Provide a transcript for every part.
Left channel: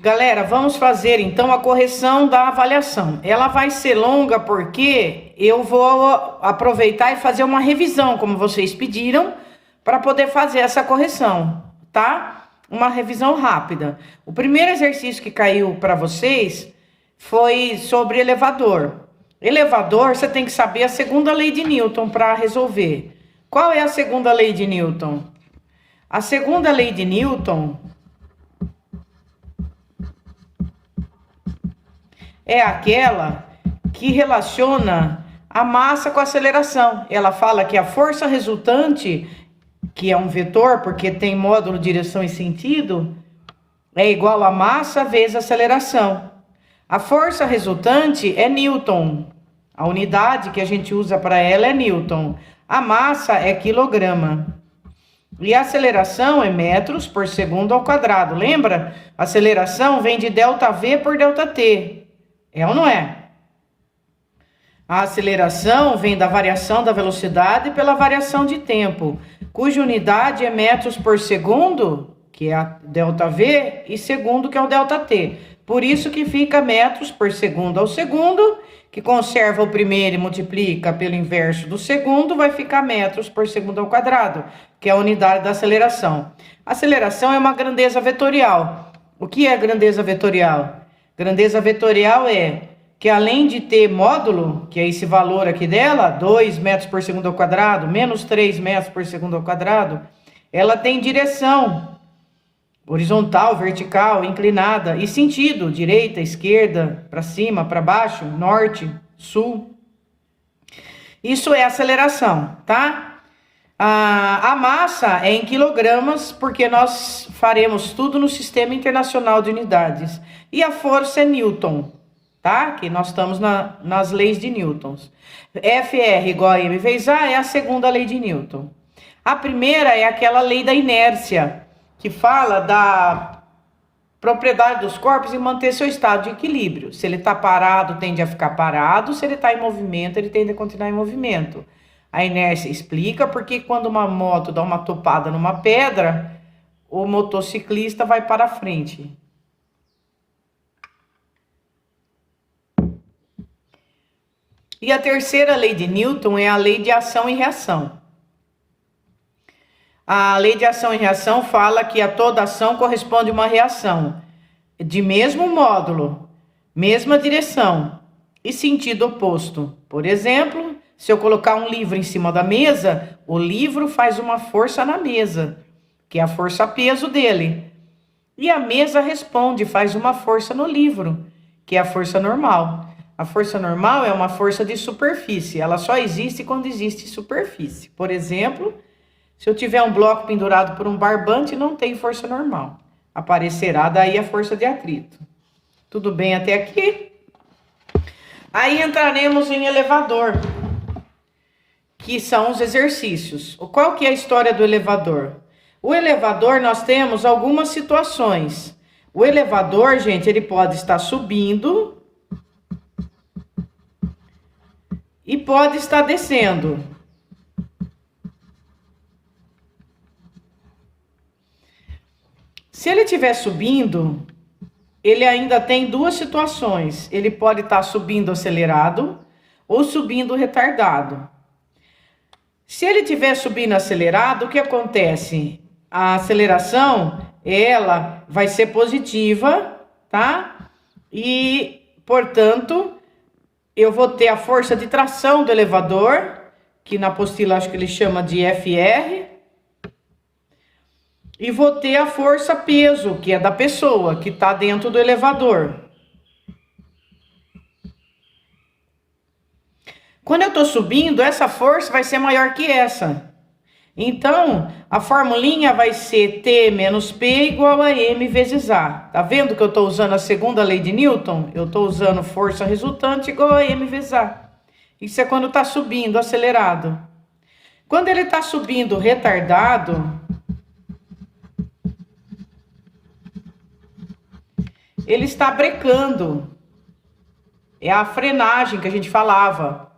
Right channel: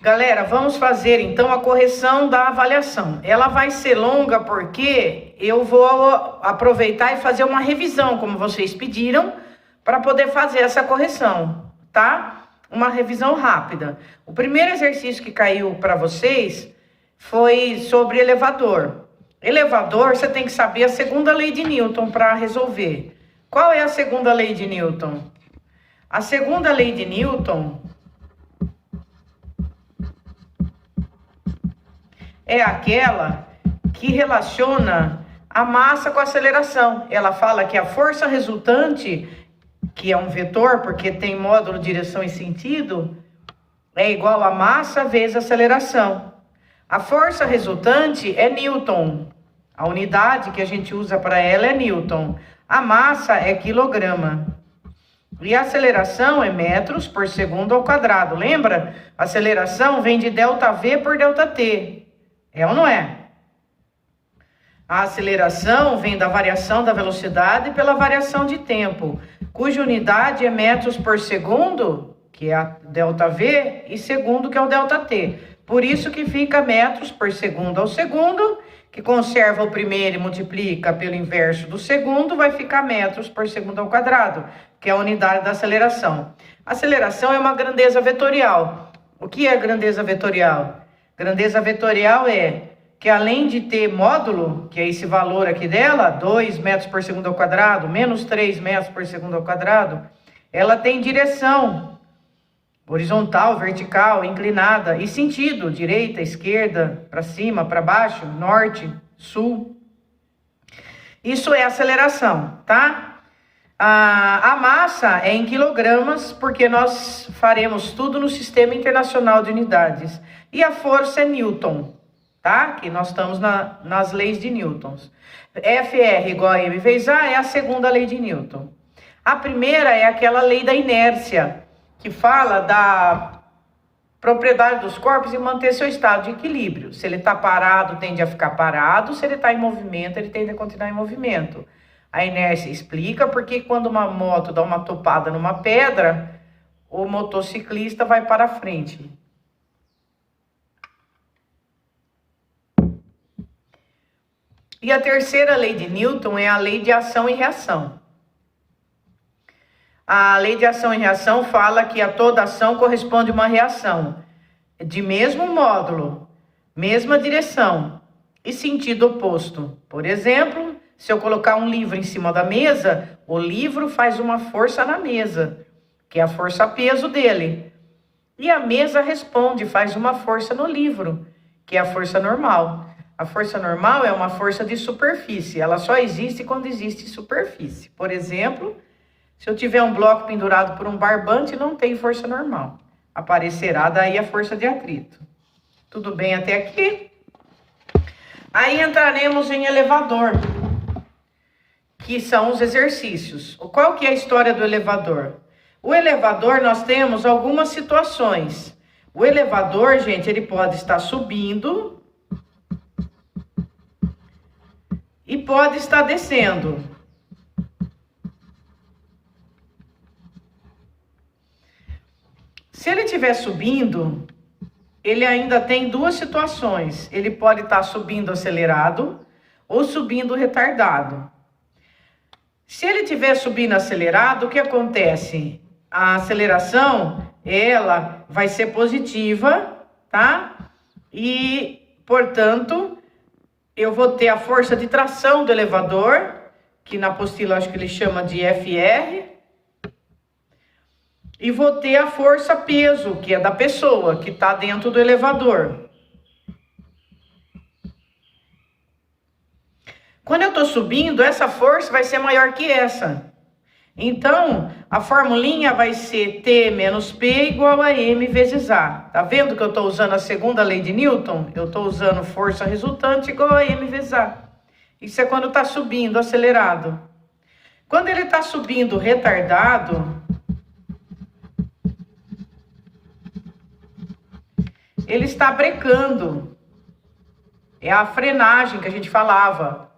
Galera, vamos fazer então a correção da avaliação. Ela vai ser longa porque eu vou aproveitar e fazer uma revisão, como vocês pediram, para poder fazer essa correção, tá? Uma revisão rápida. O primeiro exercício que caiu para vocês foi sobre elevador. Elevador, você tem que saber a segunda lei de Newton para resolver. Qual é a segunda lei de Newton? A segunda lei de Newton é aquela que relaciona a massa com a aceleração. Ela fala que a força resultante, que é um vetor, porque tem módulo, direção e sentido, é igual a massa vezes a aceleração. A força resultante é Newton. A unidade que a gente usa para ela é Newton. A massa é quilograma. E a aceleração é metros por segundo ao quadrado. Lembra? A aceleração vem de ΔV por ΔT. É ou não é? A aceleração vem da variação da velocidade pela variação de tempo, cuja unidade é metros por segundo, que é a ΔV, e segundo, que é o ΔT. Por isso que fica metros por segundo ao segundo, que conserva o primeiro e multiplica pelo inverso do segundo, vai ficar metros por segundo ao quadrado, que é a unidade da aceleração. A aceleração é uma grandeza vetorial. O que é grandeza vetorial? Grandeza vetorial é que além de ter módulo, que é esse valor aqui dela, 2 metros por segundo ao quadrado, menos 3 metros por segundo ao quadrado, ela tem direção horizontal, vertical, inclinada e sentido, direita, esquerda, para cima, para baixo, norte, sul. Isso é aceleração, tá? A massa é em quilogramas, porque nós faremos tudo no Sistema Internacional de Unidades. E a força é Newton, tá? Que nós estamos nas leis de Newton. FR igual a M vezes A é a segunda lei de Newton. A primeira é aquela lei da inércia, que fala da propriedade dos corpos em manter seu estado de equilíbrio. Se ele está parado, tende a ficar parado. Se ele está em movimento, ele tende a continuar em movimento. A inércia explica porque quando uma moto dá uma topada numa pedra, o motociclista vai para frente. E a terceira lei de Newton é a lei de ação e reação. A lei de ação e reação fala que a toda ação corresponde uma reação de mesmo módulo, mesma direção e sentido oposto. Por exemplo, se eu colocar um livro em cima da mesa, o livro faz uma força na mesa, que é a força-peso dele. E a mesa responde, faz uma força no livro, que é a força normal. A força normal é uma força de superfície, ela só existe quando existe superfície. Por exemplo, se eu tiver um bloco pendurado por um barbante, não tem força normal. Aparecerá daí a força de atrito. Tudo bem até aqui? Aí entraremos em elevador, que são os exercícios. Qual que é a história do elevador? O elevador, nós temos algumas situações. O elevador, gente, ele pode estar subindo e pode estar descendo. Se ele estiver subindo, ele ainda tem duas situações. Ele pode estar subindo acelerado ou subindo retardado. Se ele estiver subindo acelerado, o que acontece? A aceleração, ela vai ser positiva, tá? E, portanto, eu vou ter a força de tração do elevador, que na apostila acho que ele chama de FR. E vou ter a força-peso, que é da pessoa, que está dentro do elevador. Quando eu estou subindo, essa força vai ser maior que essa. Então, a formulinha vai ser T menos P igual a M vezes A. Tá vendo que eu estou usando a segunda lei de Newton? Eu estou usando força resultante igual a M vezes A. Isso é quando está subindo, acelerado. Quando ele está subindo retardado, ele está brecando. É a frenagem que a gente falava.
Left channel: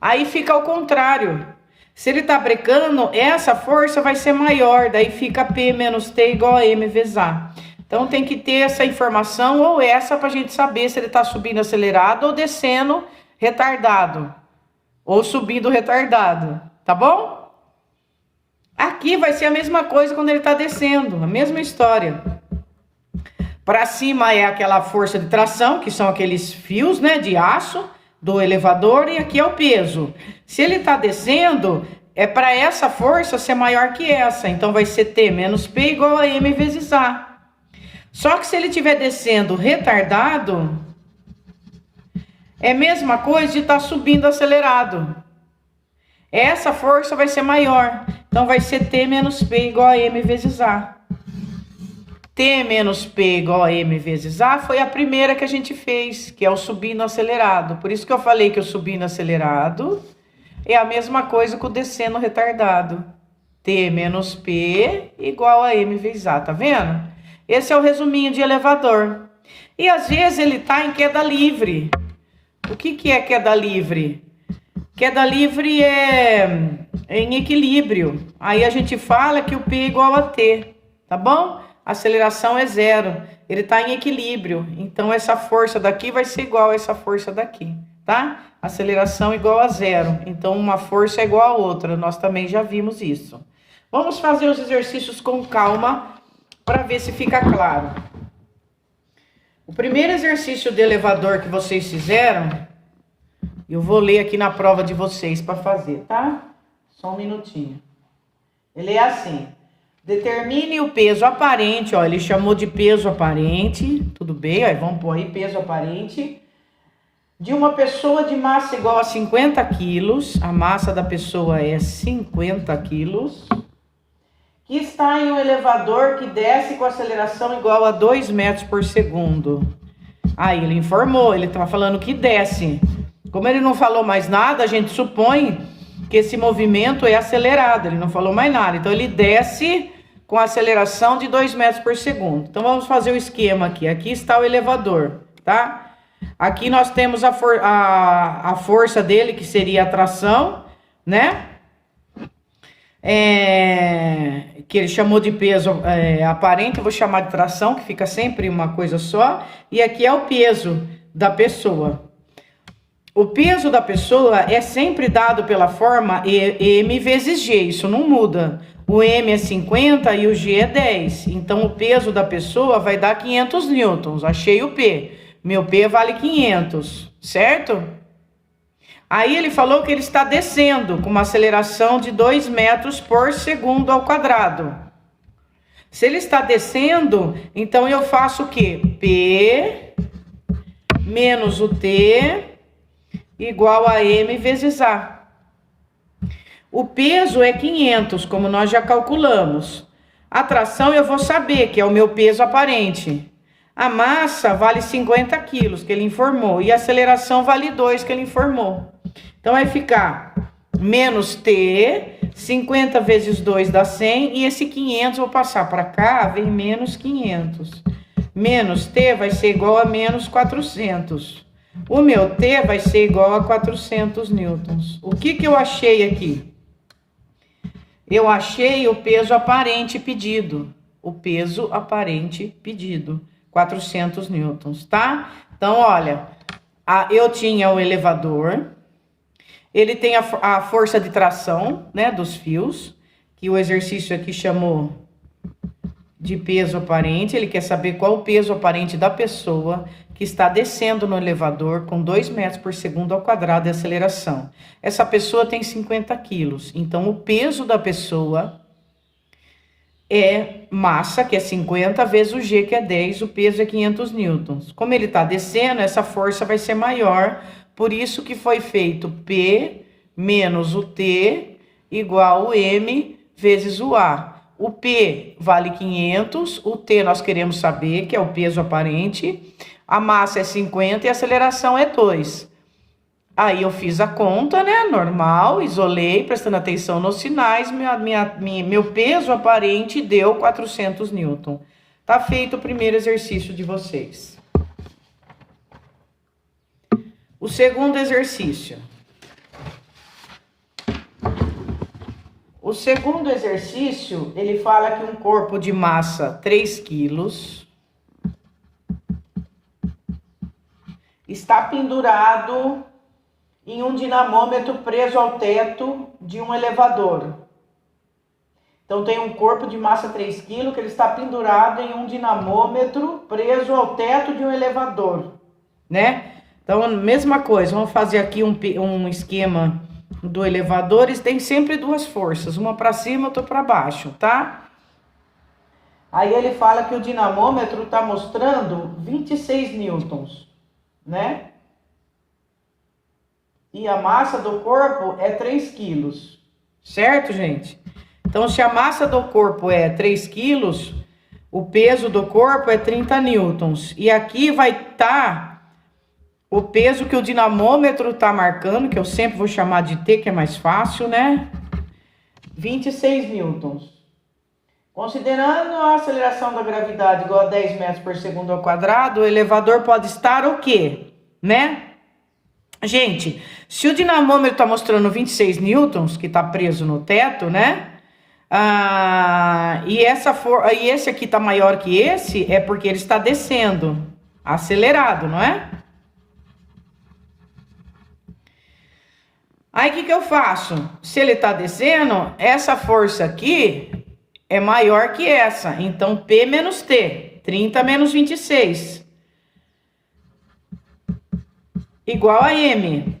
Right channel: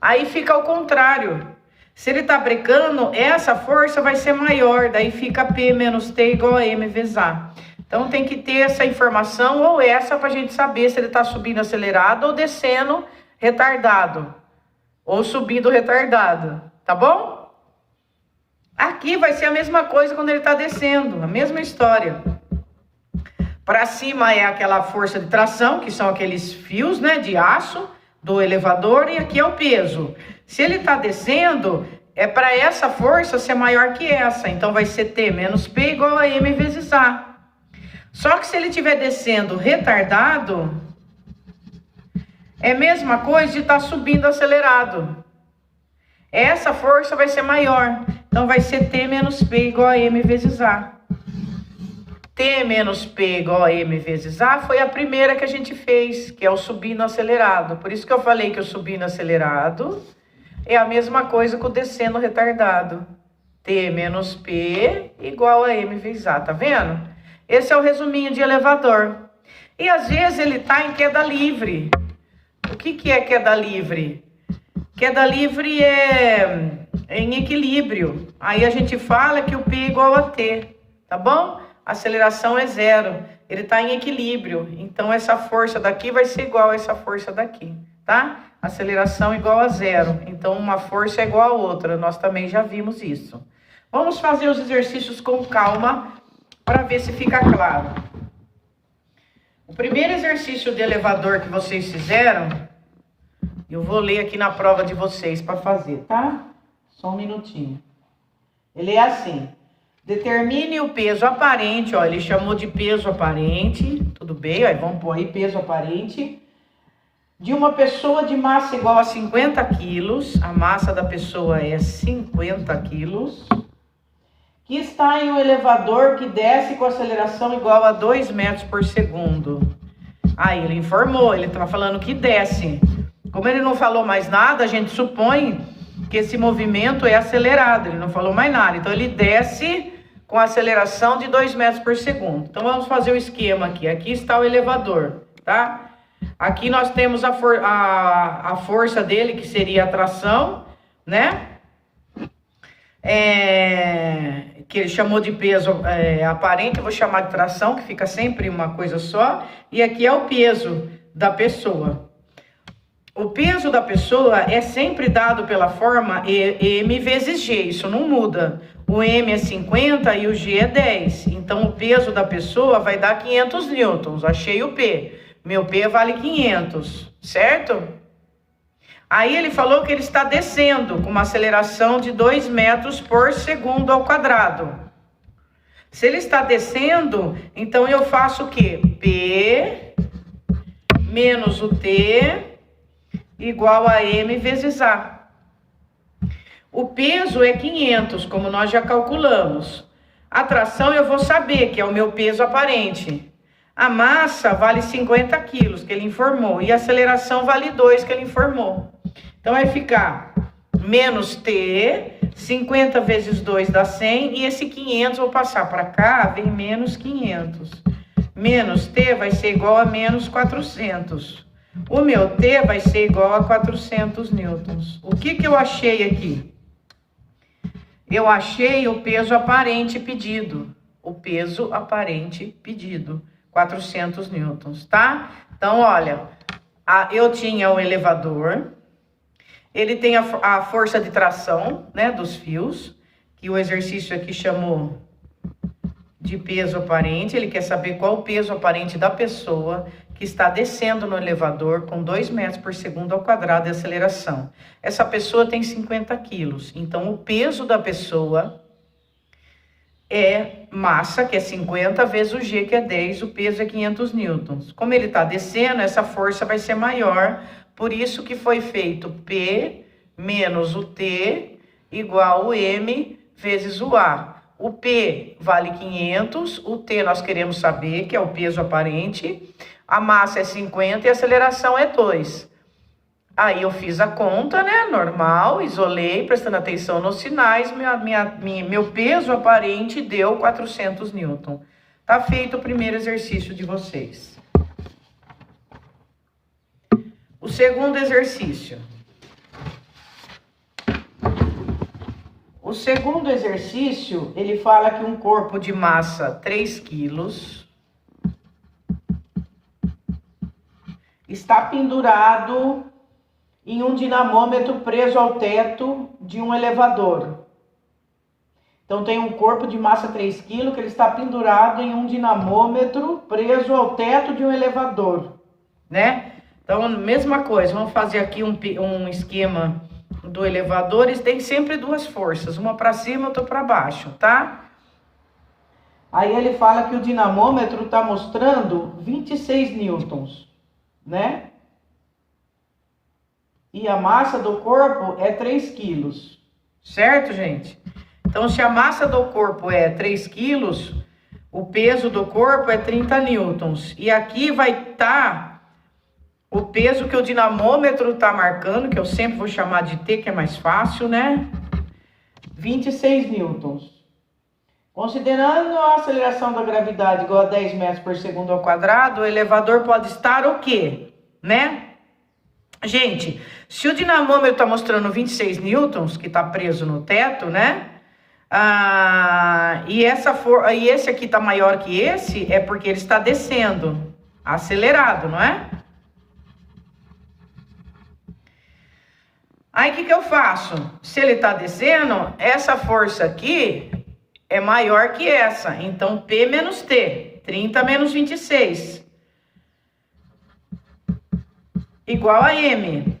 Aí fica ao contrário. Se ele está brecando, essa força vai ser maior. Daí fica P menos T igual a M vezes A. Então tem que ter essa informação ou essa para a gente saber se ele está subindo acelerado ou descendo retardado. Ou subindo retardado, tá bom? Aqui vai ser a mesma coisa quando ele está descendo, a mesma história. Para cima é aquela força de tração, que são aqueles fios, né, de aço do elevador, e aqui é o peso. Se ele está descendo, é para essa força ser maior que essa, então vai ser T menos P igual a M vezes A. Só que se ele estiver descendo retardado, é a mesma coisa de estar subindo acelerado. Essa força vai ser maior, então vai ser T menos P igual a M vezes A. T menos P igual a M vezes A foi a primeira que a gente fez, que é o subindo acelerado. Por isso que eu falei que o subindo acelerado é a mesma coisa que o descendo retardado. T menos P igual a M vezes A, tá vendo? Esse é o resuminho de elevador. E às vezes ele tá em queda livre. O que é queda livre? Queda livre é em equilíbrio. Aí a gente fala que o P é igual a T, tá bom? A aceleração é zero. Ele está em equilíbrio. Então essa força daqui vai ser igual a essa força daqui, tá? Aceleração igual a zero. Então uma força é igual a outra. Nós também já vimos isso. Vamos fazer os exercícios com calma para ver se fica claro. O primeiro exercício de elevador que vocês fizeram, eu vou ler aqui na prova de vocês para fazer, tá? Só um minutinho. Ele é assim: determine o peso aparente, ó, ele chamou de peso aparente, tudo bem, ó, vamos pôr aí peso aparente, de uma pessoa de massa igual a 50 quilos, a massa da pessoa é 50 quilos, que está em um elevador que desce com aceleração igual a 2 metros por segundo. Aí ele informou, ele está falando que desce. Como ele não falou mais nada, a gente supõe que esse movimento é acelerado, ele não falou mais nada. Então ele desce com aceleração de 2 metros por segundo. Então vamos fazer o esquema aqui. Aqui está o elevador, tá? Aqui nós temos a força dele, que seria a tração, né? Que ele chamou de peso aparente, eu vou chamar de tração, que fica sempre uma coisa só. E aqui é o peso da pessoa. O peso da pessoa é sempre dado pela forma M vezes G, isso não muda. O M é 50 e o G é 10. Então, o peso da pessoa vai dar 500 newtons. Achei o P. Meu P vale 500, certo? Aí ele falou que ele está descendo com uma aceleração de 2 metros por segundo ao quadrado. Se ele está descendo, então eu faço o quê? P menos o T igual a M vezes A. O peso é 500, como nós já calculamos. A tração eu vou saber, que é o meu peso aparente. A massa vale 50 quilos, que ele informou. E a aceleração vale 2, que ele informou. Então vai ficar menos T, 50 vezes 2 dá 100. E esse 500 vou passar para cá, vem menos 500. Menos T vai ser igual a menos 400. O meu T vai ser igual a 400 newtons. O que eu achei aqui? Eu achei o peso aparente pedido. O peso aparente pedido. 400 newtons, tá? Então, olha, eu tinha o elevador. Ele tem a força de tração, né, dos fios. Que o exercício aqui chamou de peso aparente. Ele quer saber qual o peso aparente da pessoa que está descendo no elevador com 2 metros por segundo ao quadrado de aceleração. Essa pessoa tem 50 quilos, então o peso da pessoa é massa, que é 50, vezes o G, que é 10, o peso é 500 newtons. Como ele está descendo, essa força vai ser maior, por isso que foi feito P menos o T igual o M vezes o A. O P vale 500, o T nós queremos saber, que é o peso aparente. A massa é 50 e a aceleração é 2. Aí eu fiz a conta, né? Normal, isolei, prestando atenção nos sinais. Meu peso aparente deu 400 newton. Tá feito o primeiro exercício de vocês. O segundo exercício. O segundo exercício, ele fala que um corpo de massa 3 quilos está pendurado em um dinamômetro preso ao teto de um elevador. Então, tem um corpo de massa 3 kg que ele está pendurado em um dinamômetro preso ao teto de um elevador, né? Então, mesma coisa, vamos fazer aqui um esquema do elevador. Eles têm sempre duas forças, uma para cima e outra para baixo, tá? Aí ele fala que o dinamômetro está mostrando 26 newtons, né? E a massa do corpo é 3 quilos, certo, gente? Então, se a massa do corpo é 3 quilos, o peso do corpo é 30 newtons. E aqui vai estar o peso que o dinamômetro está marcando, que eu sempre vou chamar de T, que é mais fácil, né? 26 newtons. Considerando a aceleração da gravidade igual a 10 metros por segundo ao quadrado, o elevador pode estar o quê? Né? Gente, se o dinamômetro está mostrando 26 newtons, que está preso no teto, né? E esse aqui está maior que esse, é porque ele está descendo, acelerado, não é? Aí, o que eu faço? Se ele está descendo, essa força aqui é maior que essa. Então, P menos T, 30 menos 26, igual a M,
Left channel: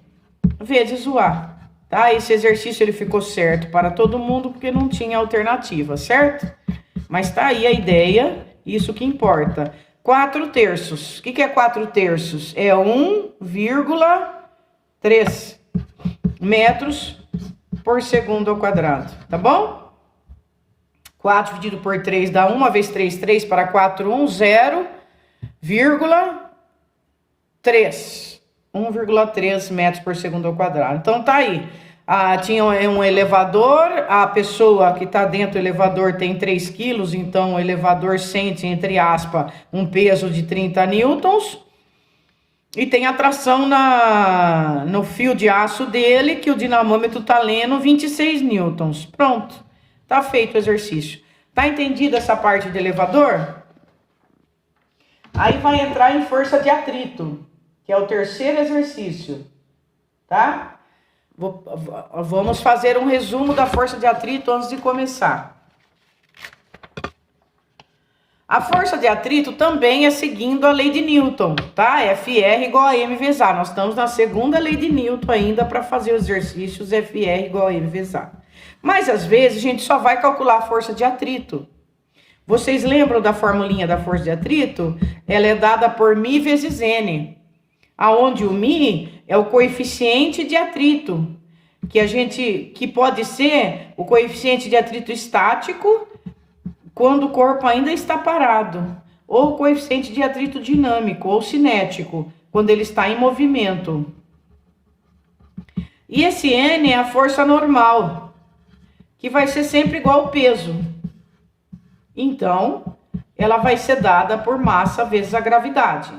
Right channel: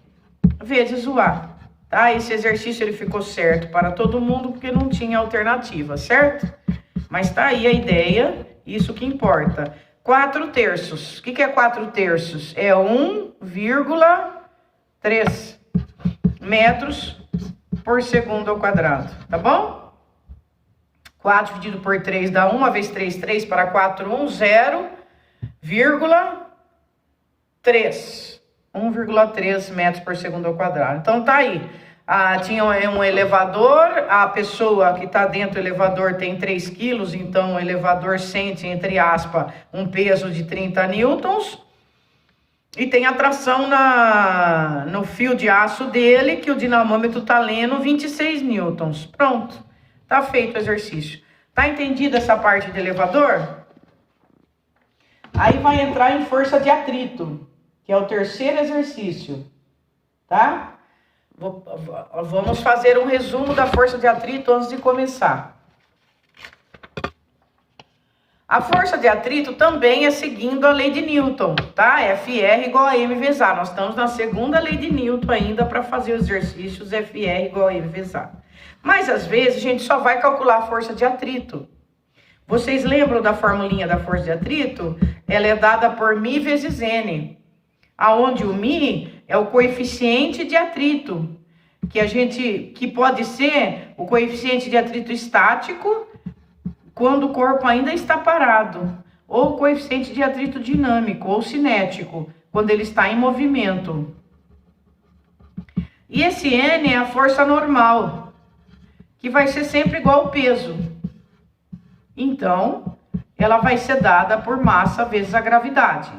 vezes o A. Tá? Esse exercício ele ficou certo para todo mundo, porque não tinha alternativa, certo? Mas tá aí a ideia, isso que importa. 4 terços. O que é 4 terços? É 1,3 metros por segundo ao quadrado, tá bom? 4 dividido por 3 dá 1, vezes 3, 3 para 4, 1, 0,3. 1,3 metros por segundo ao quadrado. Então, tá aí. Tinha um elevador, a pessoa que está dentro do elevador tem 3 quilos, então o elevador sente, entre aspas, um peso de 30 newtons. E tem a tração no fio de aço dele, que o dinamômetro está lendo 26 newtons. Pronto, tá feito o exercício. Tá entendido essa parte de elevador? Aí vai entrar em força de atrito, que é o terceiro exercício, tá? Vamos fazer um resumo da força de atrito antes de começar. A força de atrito também é seguindo a lei de Newton, tá? FR igual a M vezes A. Nós estamos na segunda lei de Newton ainda para fazer os exercícios FR igual a M vezes A. Mas às vezes a gente só vai calcular a força de atrito. Vocês lembram da formulinha da força de atrito? Ela é dada por μ vezes N, aonde o μ é o coeficiente de atrito, que pode ser o coeficiente de atrito estático quando o corpo ainda está parado, ou o coeficiente de atrito dinâmico ou cinético, quando ele está em movimento. E esse N é a força normal, que vai ser sempre igual ao peso. Então, ela vai ser dada por massa vezes a gravidade.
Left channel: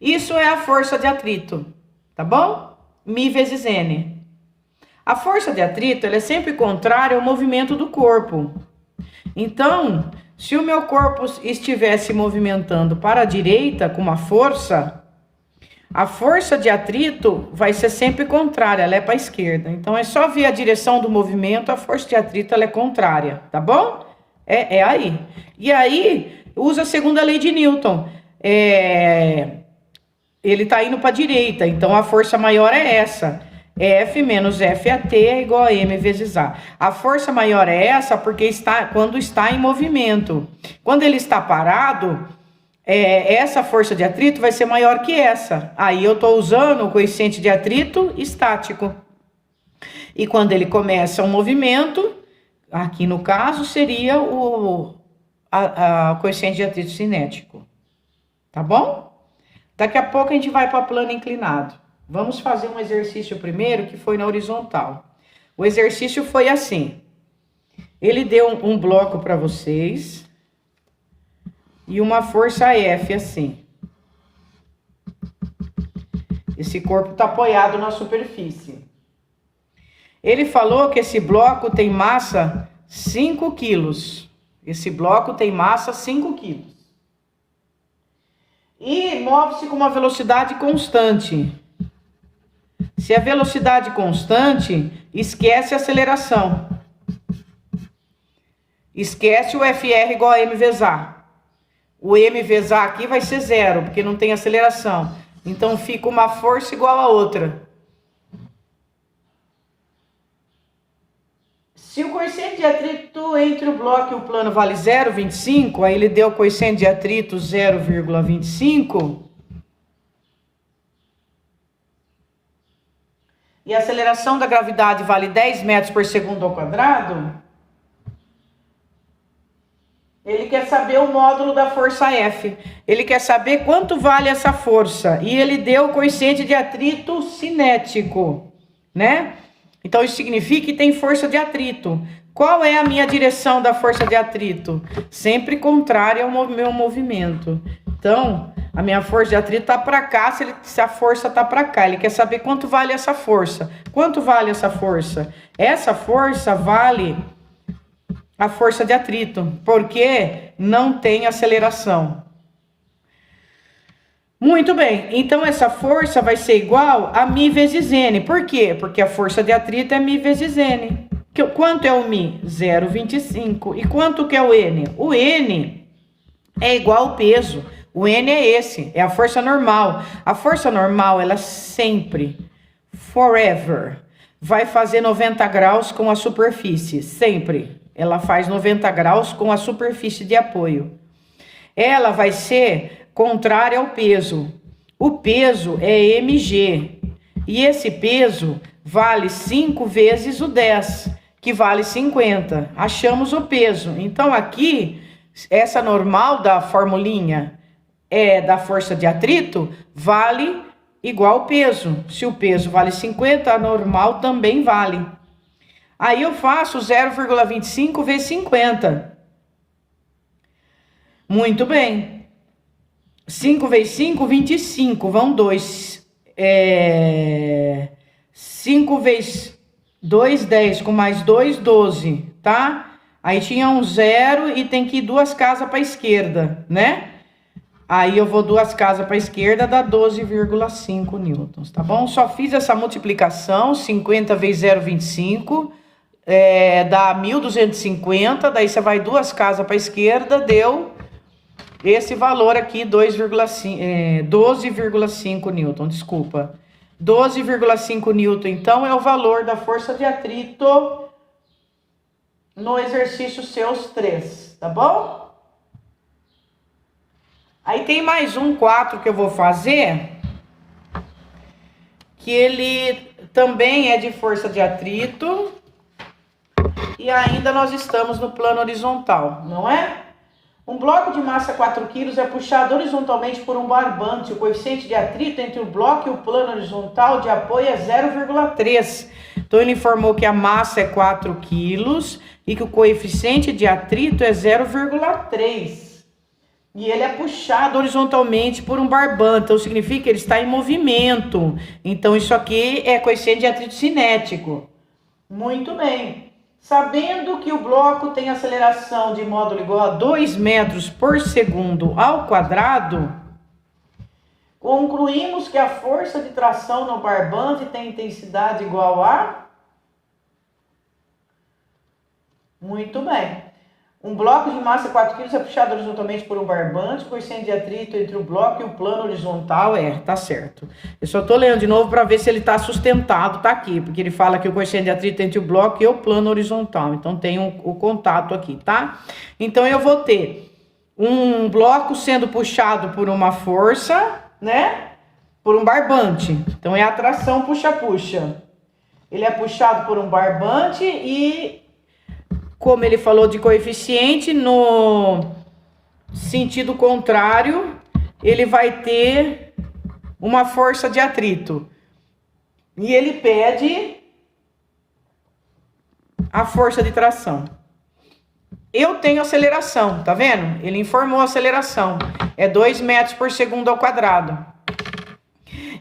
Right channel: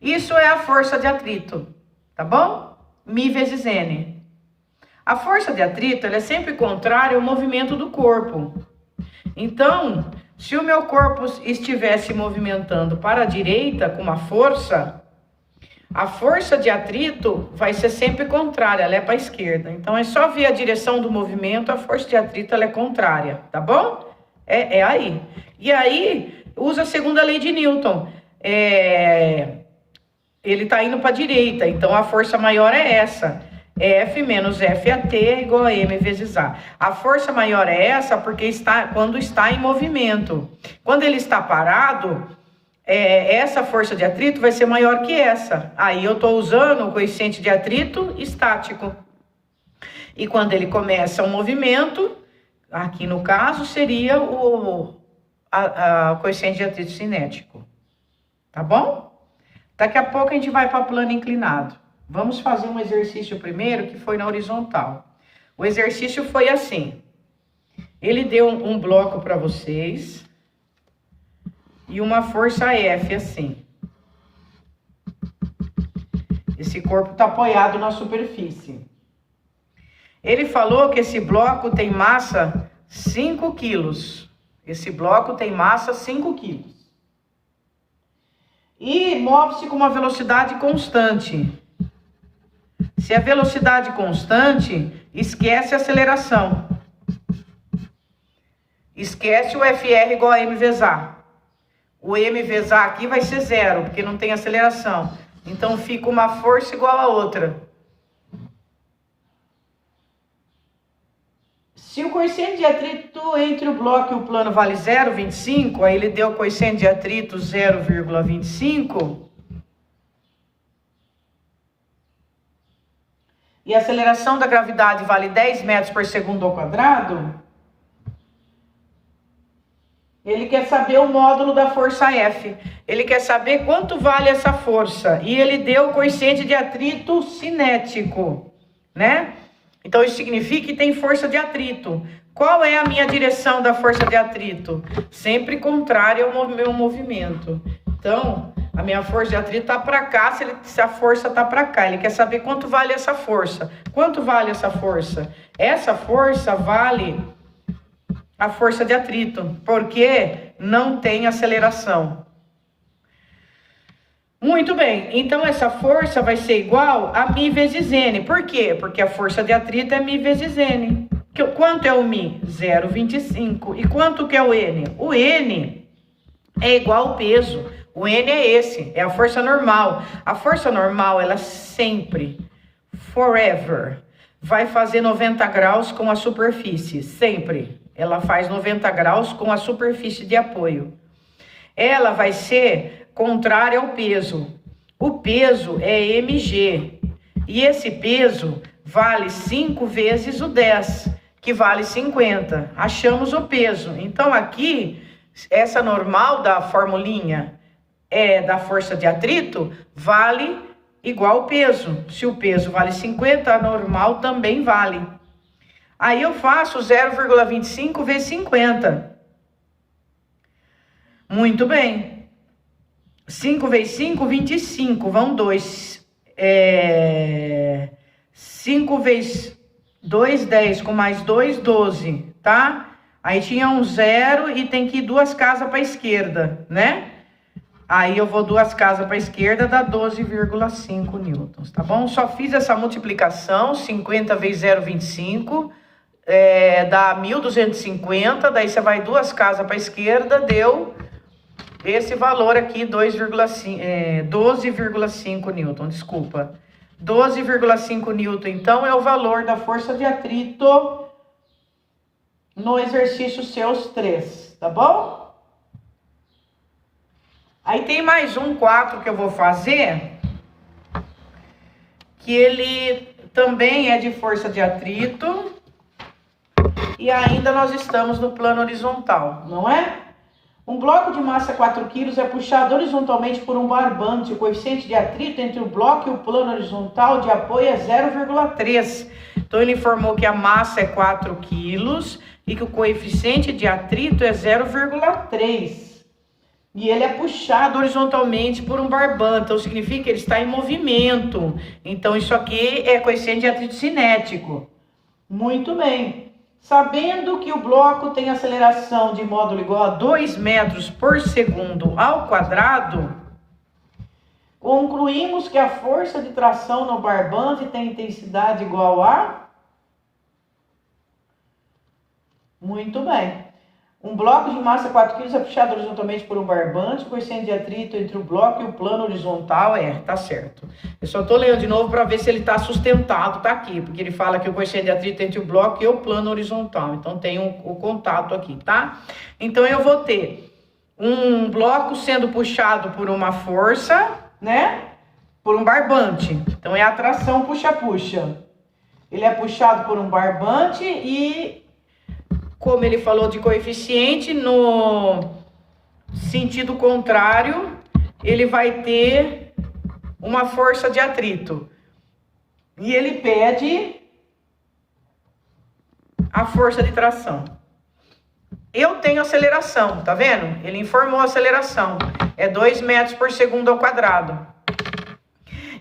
Isso é a força de atrito, tá bom? μ vezes N. A força de atrito ela é sempre contrária ao movimento do corpo. Então, se o meu corpo estivesse movimentando para a direita com uma força, a força de atrito vai ser sempre contrária, ela é para a esquerda. Então, é só ver a direção do movimento, a força de atrito ela é contrária, tá bom? É aí. E aí, usa a segunda lei de Newton. Ele está indo para a direita, então a força maior é essa. F menos FAT é igual a M vezes A. A força maior é essa porque quando está em movimento. Quando ele está parado, essa força de atrito vai ser maior que essa. Aí eu estou usando o coeficiente de atrito estático. E quando ele começa um movimento, aqui no caso seria o coeficiente de atrito cinético. Tá bom? Daqui a pouco a gente vai para plano inclinado. Vamos fazer um exercício primeiro que foi na horizontal. O exercício foi assim. Ele deu um bloco para vocês e uma força F assim. Esse corpo está apoiado na superfície. Ele falou que esse bloco tem massa 5 quilos. Esse bloco tem massa 5 quilos. e move-se com uma velocidade constante. Se a velocidade constante, esquece a aceleração. Esquece o FR igual a M vezes A. O M vezes A aqui vai ser zero, porque não tem aceleração. Então fica uma força igual a outra. Se o coeficiente de atrito entre o bloco e o plano vale 0,25, aí ele deu o coeficiente de atrito 0,25, e a aceleração da gravidade vale 10 metros por segundo ao quadrado, ele quer saber o módulo da força F. Ele quer saber quanto vale essa força. E ele deu o coeficiente de atrito cinético, né? Então, isso significa que tem força de atrito. Qual é a minha direção da força de atrito? Sempre contrária ao meu movimento. Então, a minha força de atrito está para cá, se a força está para cá. Ele quer saber quanto vale essa força. Quanto vale essa força? Essa força vale a força de atrito, porque não tem aceleração. Muito bem, então essa força vai ser igual a μ vezes N. Por quê? Porque a força de atrito é μ vezes N. Quanto é o μ? 0,25. E quanto que é o N? O N é igual ao peso. O N é esse, é a força normal. A força normal, ela sempre, forever, vai fazer 90 graus com a superfície, sempre. Ela faz 90 graus com a superfície de apoio. Ela vai ser contrária ao peso. O peso é mg. E esse peso vale 5 vezes o 10, que vale 50. Achamos o peso. Então, aqui, essa normal da formulinha da força de atrito vale igual ao peso. Se o peso vale 50, a normal também vale. Aí eu faço 0,25 vezes 50. Muito bem. 5 vezes 5, 25. Vão 2. 5 vezes 2, 10. Com mais 2, 12. Tá? Aí tinha um 0 e tem que ir 2 casas para a esquerda, né? Aí eu vou 2 casas para a esquerda, dá 12,5 newtons, tá bom? Só fiz essa multiplicação, 50 vezes 0,25. Dá 1.250, daí você vai 2 casas para a esquerda, deu esse valor aqui, 12,5 newton, desculpa. 12,5 newton, então, é o valor da força de atrito no exercício seus 3, tá bom? Aí tem mais um 4 que eu vou fazer, que ele também é de força de atrito. E ainda nós estamos no plano horizontal, não é? Um bloco de massa 4 kg é puxado horizontalmente por um barbante. O coeficiente de atrito entre o bloco e o plano horizontal de apoio é 0,3. Então, ele informou que a massa é 4 kg e que o coeficiente de atrito é 0,3. E ele é puxado horizontalmente por um barbante. Então, significa que ele está em movimento. Então, isso aqui é coeficiente de atrito cinético. Muito bem. Sabendo que o bloco tem aceleração de módulo igual a 2 metros por segundo ao quadrado, concluímos que a força de tração no barbante tem intensidade igual a... Muito bem. Um bloco de massa 4 kg é puxado horizontalmente por um barbante, o coeficiente de atrito entre o bloco e o plano horizontal tá certo. Eu só estou lendo de novo para ver se ele está sustentado, tá aqui, porque ele fala que o coeficiente de atrito entre o bloco e o plano horizontal. Então tem o contato aqui, tá? Então eu vou ter um bloco sendo puxado por uma força, né? Por um barbante. Então é a tração puxa-puxa. Ele é puxado por um barbante e... como ele falou de coeficiente, no sentido contrário, ele vai ter uma força de atrito. E ele pede a força de tração. Eu tenho aceleração, tá vendo? Ele informou a aceleração. É 2 metros por segundo ao quadrado.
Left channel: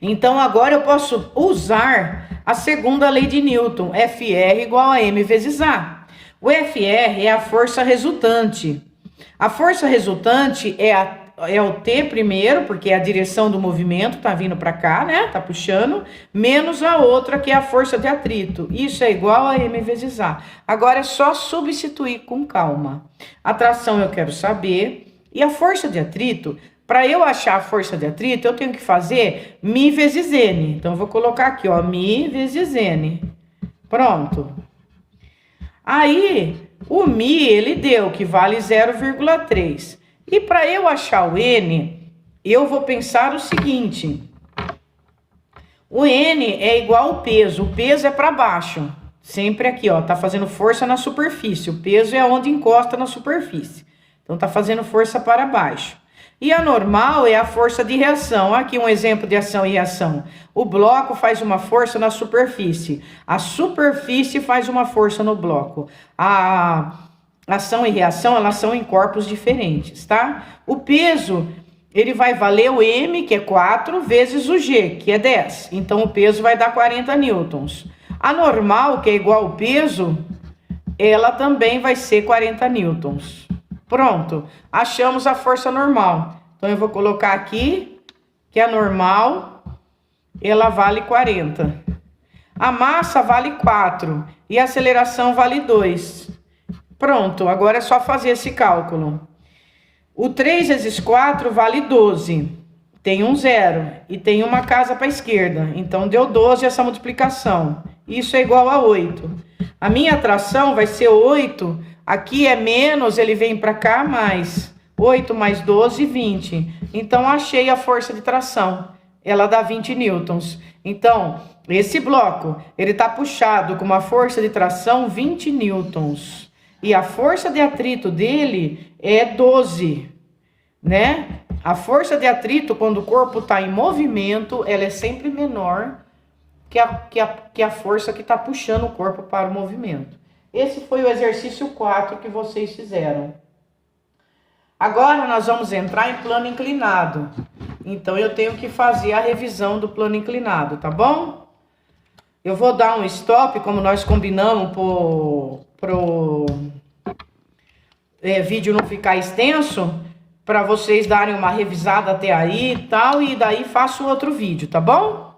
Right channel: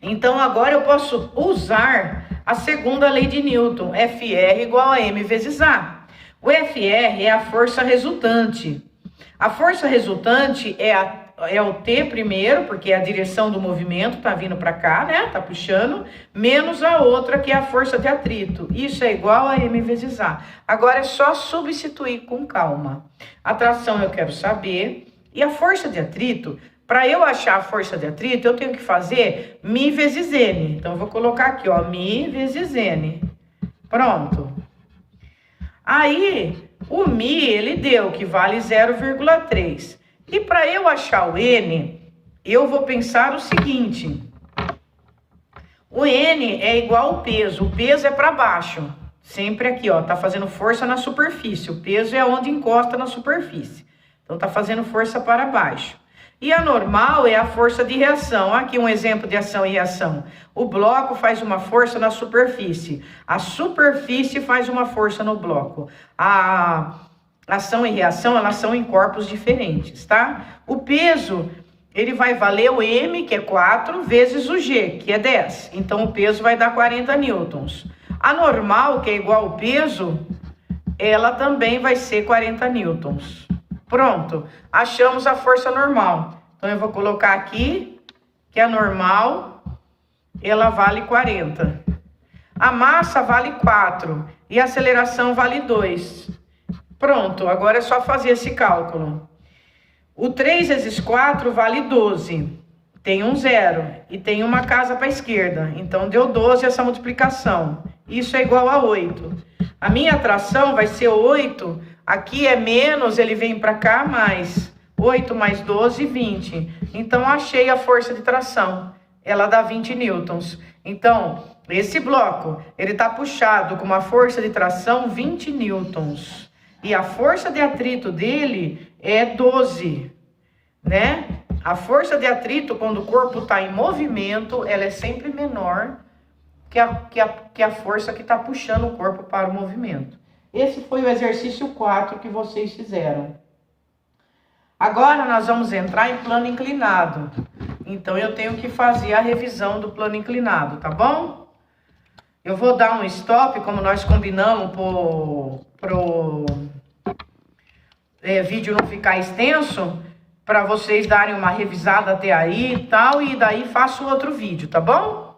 Então, agora eu posso usar a segunda lei de Newton. FR igual a M vezes A. O FR é a força resultante. A força resultante é é o T primeiro, porque é a direção do movimento, tá vindo para cá, né? Tá puxando, menos a outra, que é a força de atrito. Isso é igual a M vezes A. Agora é só substituir com calma. A tração eu quero saber. E a força de atrito, para eu achar a força de atrito, eu tenho que fazer Mi vezes N. Então, eu vou colocar aqui, ó, Mi vezes N. Pronto. Aí, o Mi, ele deu, que vale 0,3. E para eu achar o N, eu vou pensar o seguinte. O N é igual ao peso. O peso é para baixo. Sempre aqui, ó, tá fazendo força na superfície. O peso é onde encosta na superfície. Então, tá fazendo força para baixo. E a normal é a força de reação. Aqui um exemplo de ação e reação. O bloco faz uma força na superfície. A superfície faz uma força no bloco. A ação e reação, elas são em corpos diferentes, tá? O peso, ele vai valer o M, que é 4, vezes o G, que é 10. Então, o peso vai dar 40 newtons. A normal, que é igual ao peso, ela também vai ser 40 newtons. Pronto, achamos a força normal. Então, eu vou colocar aqui que a normal, ela vale 40. A massa vale 4 e a aceleração vale 2. Pronto, agora é só fazer esse cálculo. O 3 vezes 4 vale 12. Tem um zero e tem uma casa para a esquerda. Então, deu 12 essa multiplicação. Isso é igual a 8. A minha atração vai ser 8. Aqui é menos, ele vem para cá, mais 8 mais 12, 20. Então, achei a força de tração. Ela dá 20 newtons. Então, esse bloco, ele está puxado com uma força de tração 20 newtons. E a força de atrito dele é 12, né? A força de atrito, quando o corpo está em movimento, ela é sempre menor que a força que está puxando o corpo para o movimento. Esse foi o exercício 4 que vocês fizeram. Agora nós vamos entrar em plano inclinado. Então, eu tenho que fazer a revisão do plano inclinado, tá bom? Eu vou dar um stop, como nós combinamos pro vídeo não ficar extenso, para vocês darem uma revisada até aí e tal, e daí faço outro vídeo, tá bom?